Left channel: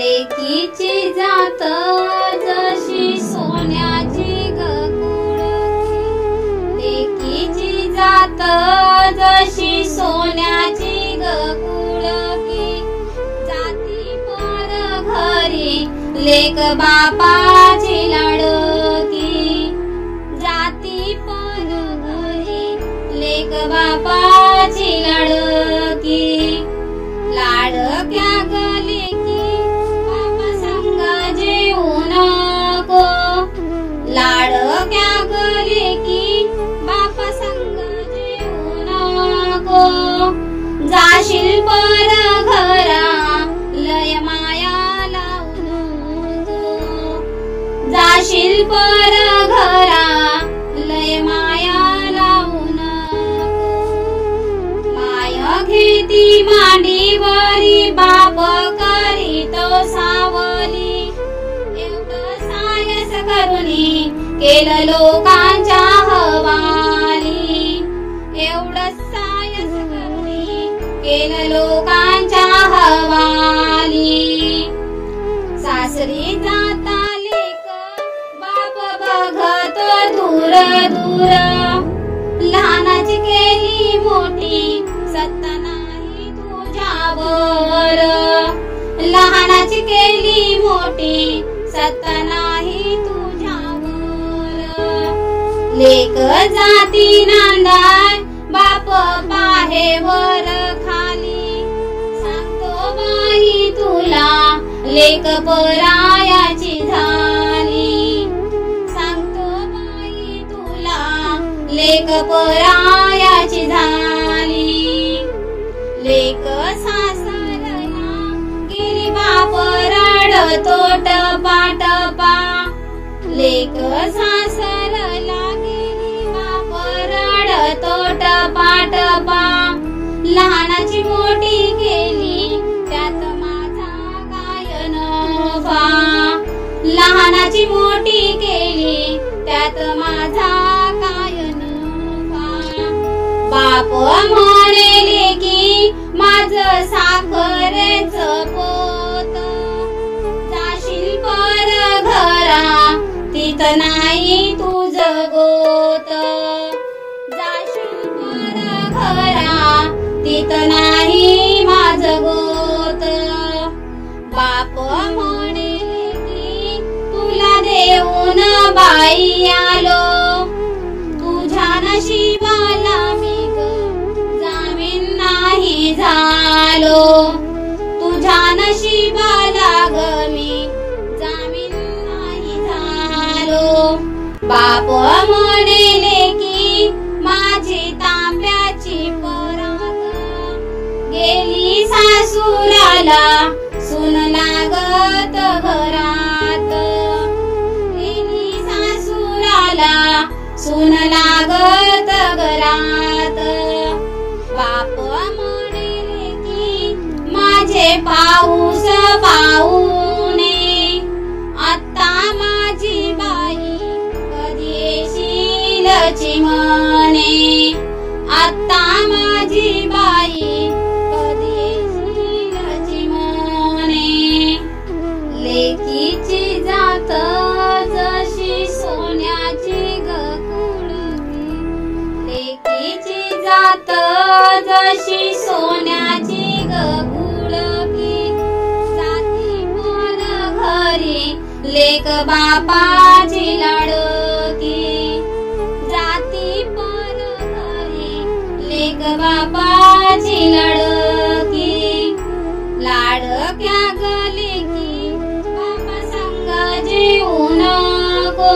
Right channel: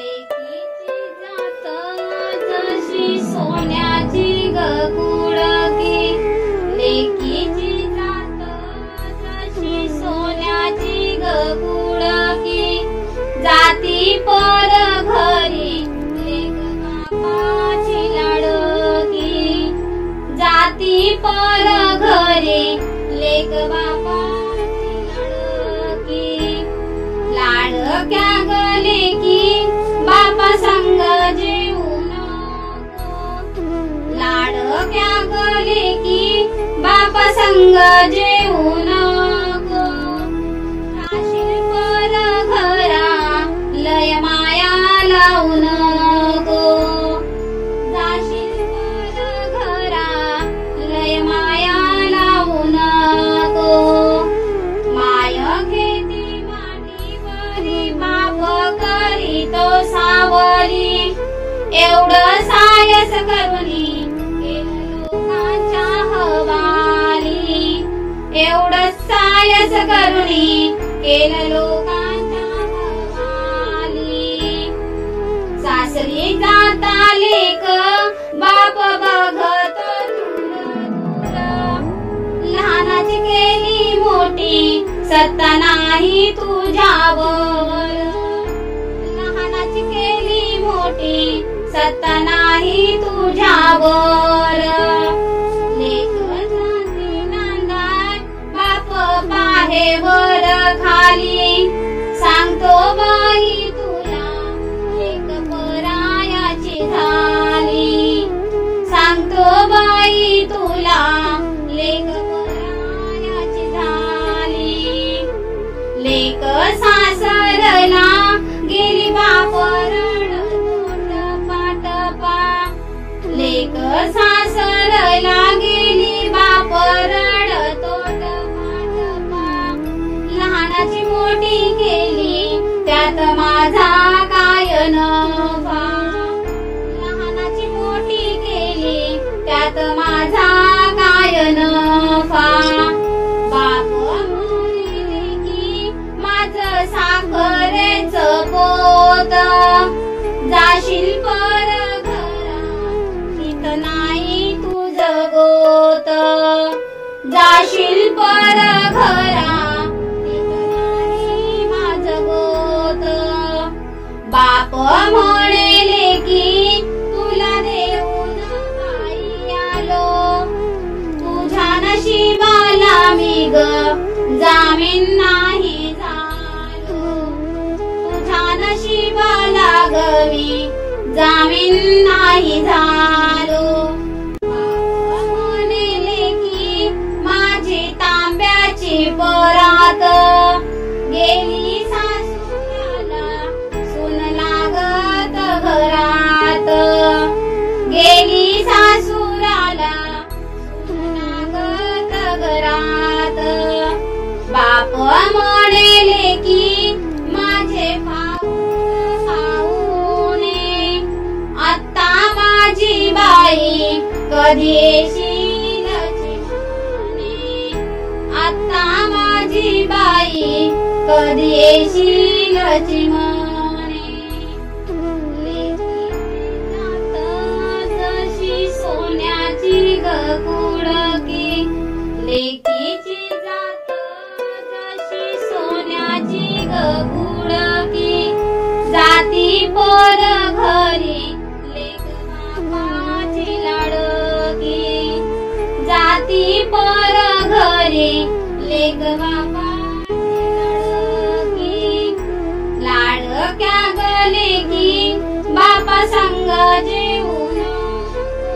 लेकीची जात जशी सोन्याची गुडकी, लेकीची जात जशी सोन्याची गुडकी, जाती पर घरी लेक बापाची लाडकी, जाती पर घरी लेक बापाची लाडकी, लाडक्या गले की बापा संग जेऊ नको, लाडक्या गले की बापा संग जेऊ नको, जाशील पर घरा लय माया लावू नको, जाशील पर घरा लय माया लावू नको, माय घेती मांडीवरी बाप करीतो सावरी, एवढं सायस करुनी केलं लोकांच्या हवाली, एवढं सायस करुनी केलं लोकांच्या हवाली, सासरी जाता लेक बाप बघतो दूर दूर, लहानाची केली मोठी सत्ता नाही तुझ्यावर, लहानाची केली मोठी सत्ता नाही तुझ्यावर, लेक जाती नांदाय बाप पाहे वर खाली, सांगतो बाई तुला लेक परायाची झाली, सांगतो बाई तुला लेक परायाची झाली, लेक सासरला गेली बाप रडतो टपा टपा, लेक सासरला गेली बाप रडतो टपा टपा, लहानाची मोठी केली त्यात माझा काय नफा, लहानाची मोठी केली त्यात माझा काय नफा, बाप म्हणेले की माझं साखरेचं पोत, जाशील पर घरा तिथं नाही तुझं गोत, जाशील पर घरा तिथं नाही माझं गोत, बाप म्हणेले की तुला देऊन बाई आलो, तुझ्या नशिबाला मी ग जामीन नाही झालो, तुझ्या नशिबाला ग मी जामीन नाही झालो, बाप म्हणेले की माझी तांब्याची परात, गेली सासूराला सून लागत घरात, गेली सासूराला सून लागत घरात, बाप म्हणेले की माझे पाऊस पाहुणे, आता माझी बाई कधी येशील चिमणे, आता माझी बाई कधी येशील चिमणे, लेकीची जात जशी सोन्याची गुडकी, लेकीची जात जशी सोन्याची गुडकी, जाती पर घरी लेक बापाची लाडकी, जाती पर घरी लेक बापाची लाडकी, लाडक्या गले की बापा संग जेऊ नको,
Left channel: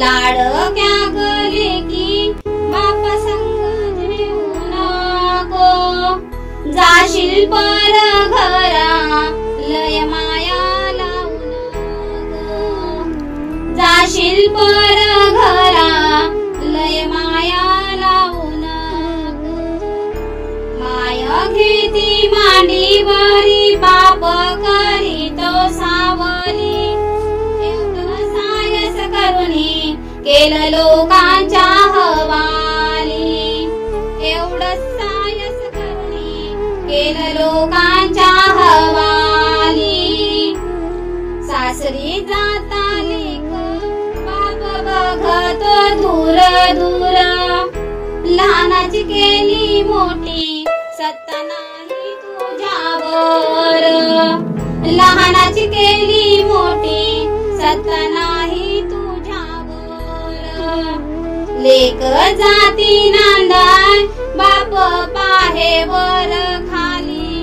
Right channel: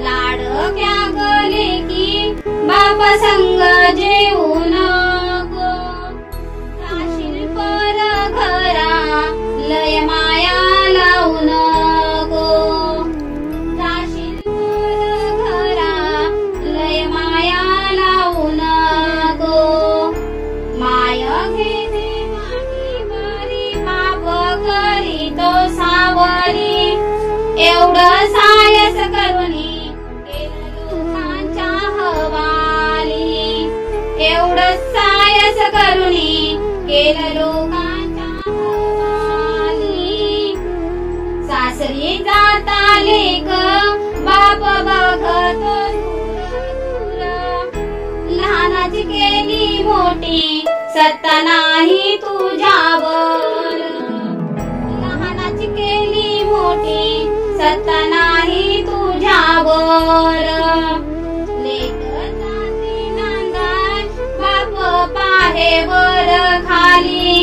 लाडक्या गले की बापा संग जेऊ नको, जाशील पर घरा लय माया लावू नको, जाशील पर घरा लय माया लावू नको, माय घेती मांडीवरी बाप करीतो सावरी, एवढं सायस करुनी केलं लोकांच्या हवाली, एवढं सायस करुनी केलं लोकांच्या हवाली। सत्ता नाही तुझ्यावर. लेक जाती नांदाय बाप पाहे वर खाली.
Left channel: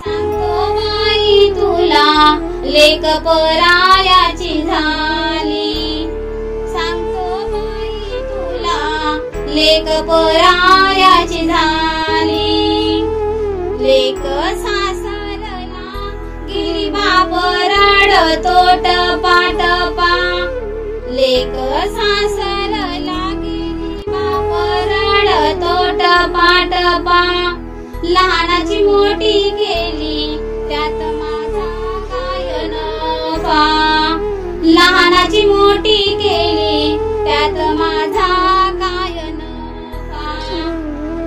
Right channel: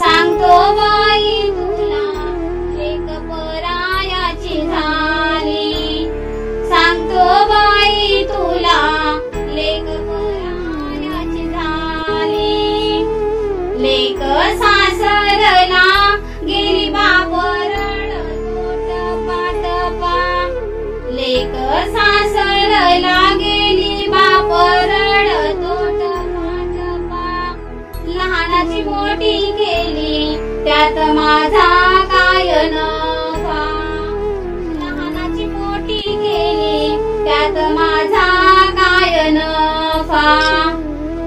सांगतो बाई तुला लेक परायाची झाली. सांगतो बाई तुला लेक परायाची झाली. लेक सासरला गेली बाप रडतो टपा टपा. लेक सासरला गेली बाप रडतो टपा टपा. लहानाची मोठी केली त्यात माझा काय नफा. लहानाची मोठी केली त्यात माझा काय नफा.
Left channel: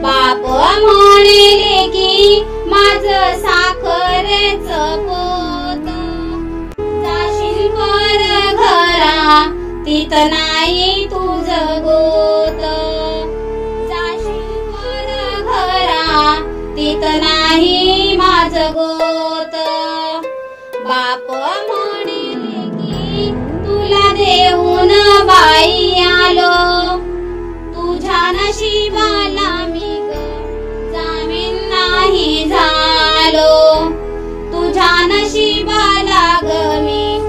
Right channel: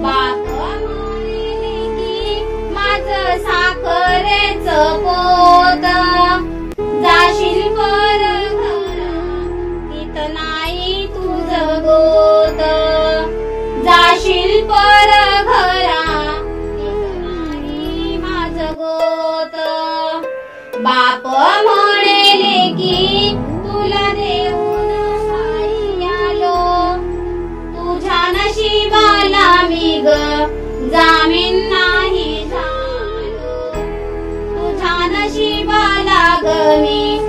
बाप म्हणले की माझं साखरेचं पोत. जाशील पर घरा तिथ नाही तुझं गोत. जाशील पर घरा तिथ नाही माझं गोत. बाप म्हणले की तुला देऊन बाई आलो. तुझ्या नशिबाला मी ग जामीन नाही झालो. तुझ्या नशिबाला ग मी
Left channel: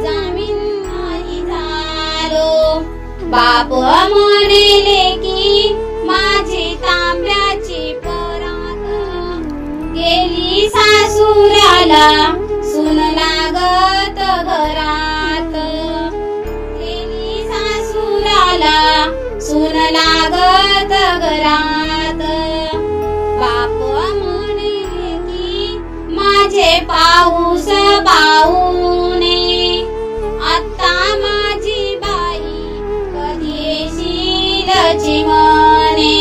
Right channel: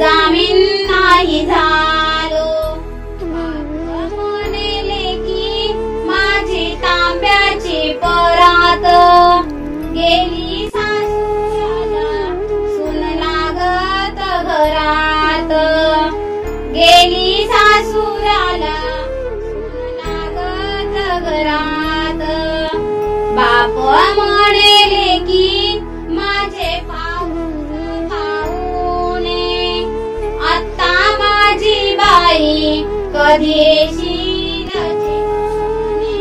जामीन नाही झालो. बाप म्हणले की माझी तांब्याची परात. गेली सासुराला सून लागत घरात. गेली सासुराला सून लागत घरात. बाप म्हणले की माझे पाऊस पाहुणे. आत्ता माझी बाई कधी येशील चिमणे.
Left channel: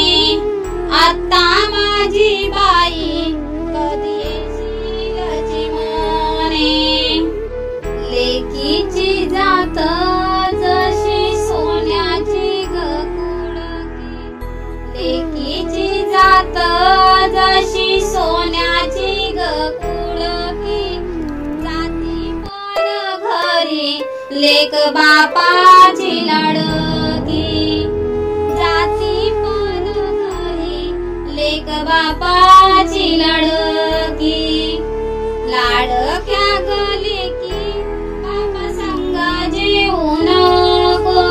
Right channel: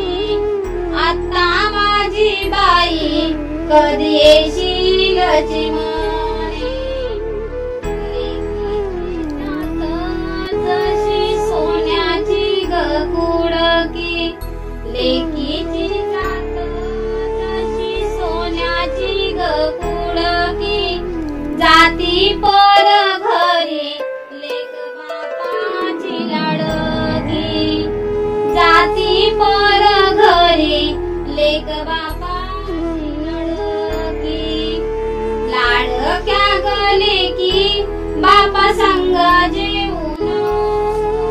आत्ता माझी बाई कधी येशील चिमणे. लेकीची जात जशी सोन्याची ग कुडकी. लेकीची जात जशी सोन्याची ग कुडकी. जाती पर घरी लेक बापाची लडकी. जाती पर घरी लेक बापाची लडकी. लाडक्या गले की बापा संग जेऊ नको.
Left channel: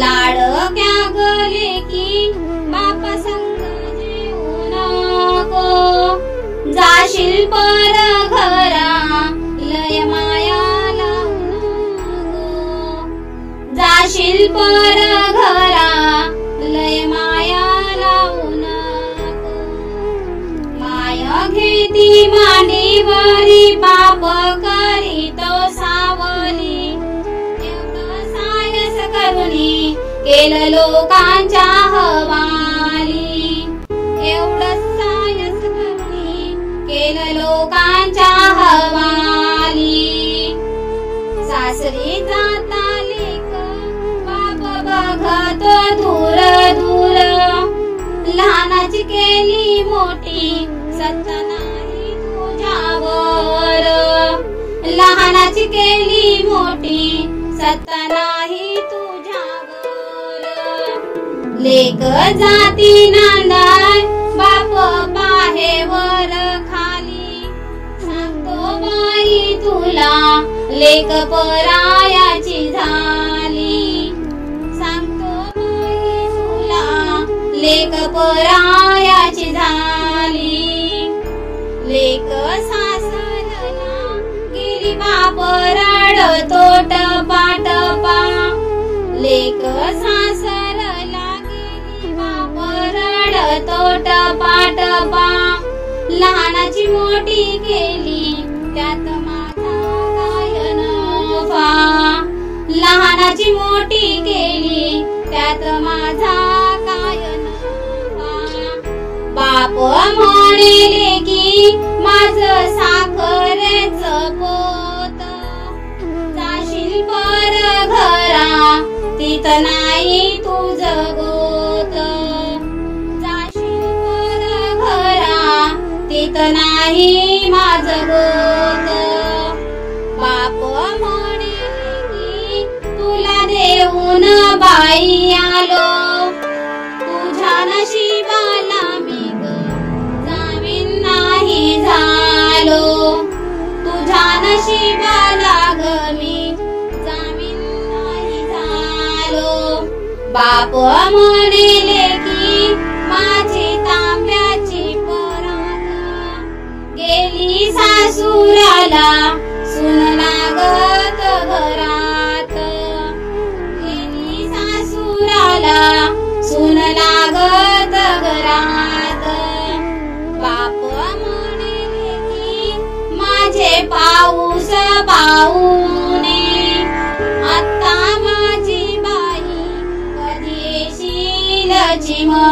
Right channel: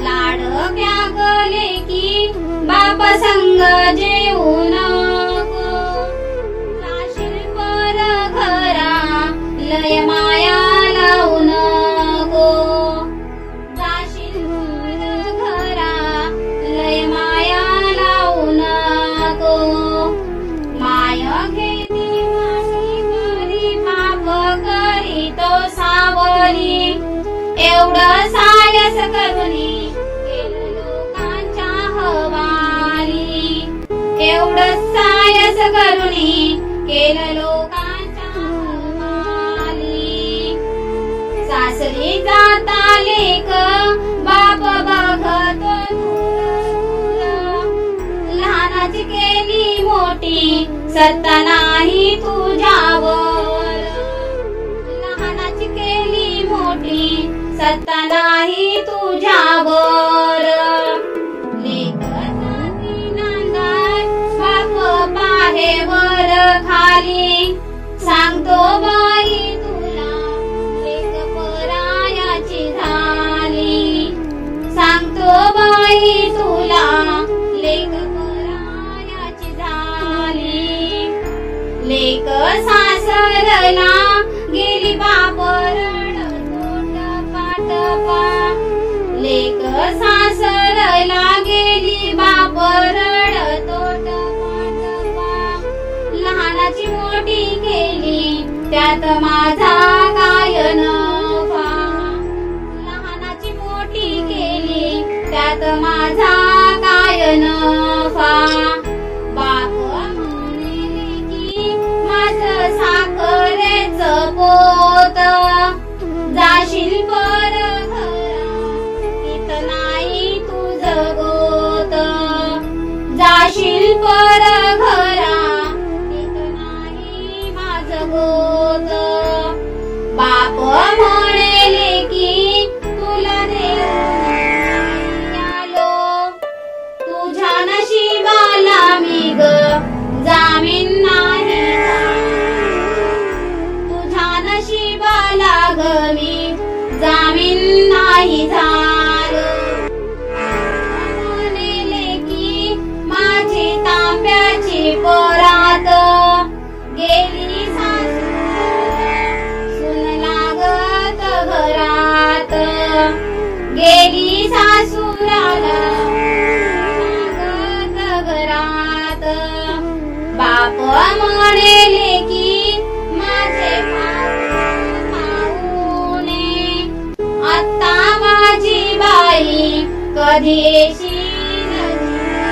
लाडक्या गले की बापा संग जेऊ नको. जाशील पर घरा लय माया लावू नको. जाशील पर घरा लय माया लावू नको. माय घेती मांडीवरी बाप करीतो सावरी. एवढं सायस करुणी केलं लोकांच्या हवाली. एवढं सायस करुणी केलं लोकांच्या हवाली. सासरी जाता लेक बाप बघतो दूर दूर. लहानाची केली मोठी सत्ता नाही तुझ्यावर. लहानाची केली मोठी सत्ता नाही तुझ्यावर. लेक जाती नांदाय बाप पाहे वर खाली. सांगतो बाई तुला लेक परायाची झाली. सांगतो बाई तुला लेक परायाची झाली. लेक सासरला गेली बाप रडतो टपा टपा. लेक सासरला गेली बाप रडतो टपा टपा. लहानाची मोठी केली त्यात माझा काय नफा. लहानाची मोठी केली त्यात माझा काय नफा. बाप म्हणले की माझं साखरेचं पोत. जाशील पर घरा तिथ नाही तुझं गोत. जाशील पर घरा तिथ नाही माझं गोत. बाप म्हणले की बाप म्हणेले की माझी तांब्याची परात गेली सासुराला सून लागत घरात गेली सासुराला सून लागत घरात बाप म्हणेले की माझे पाऊस पाहुणे आता माझी बाई कधी येशील चिमणे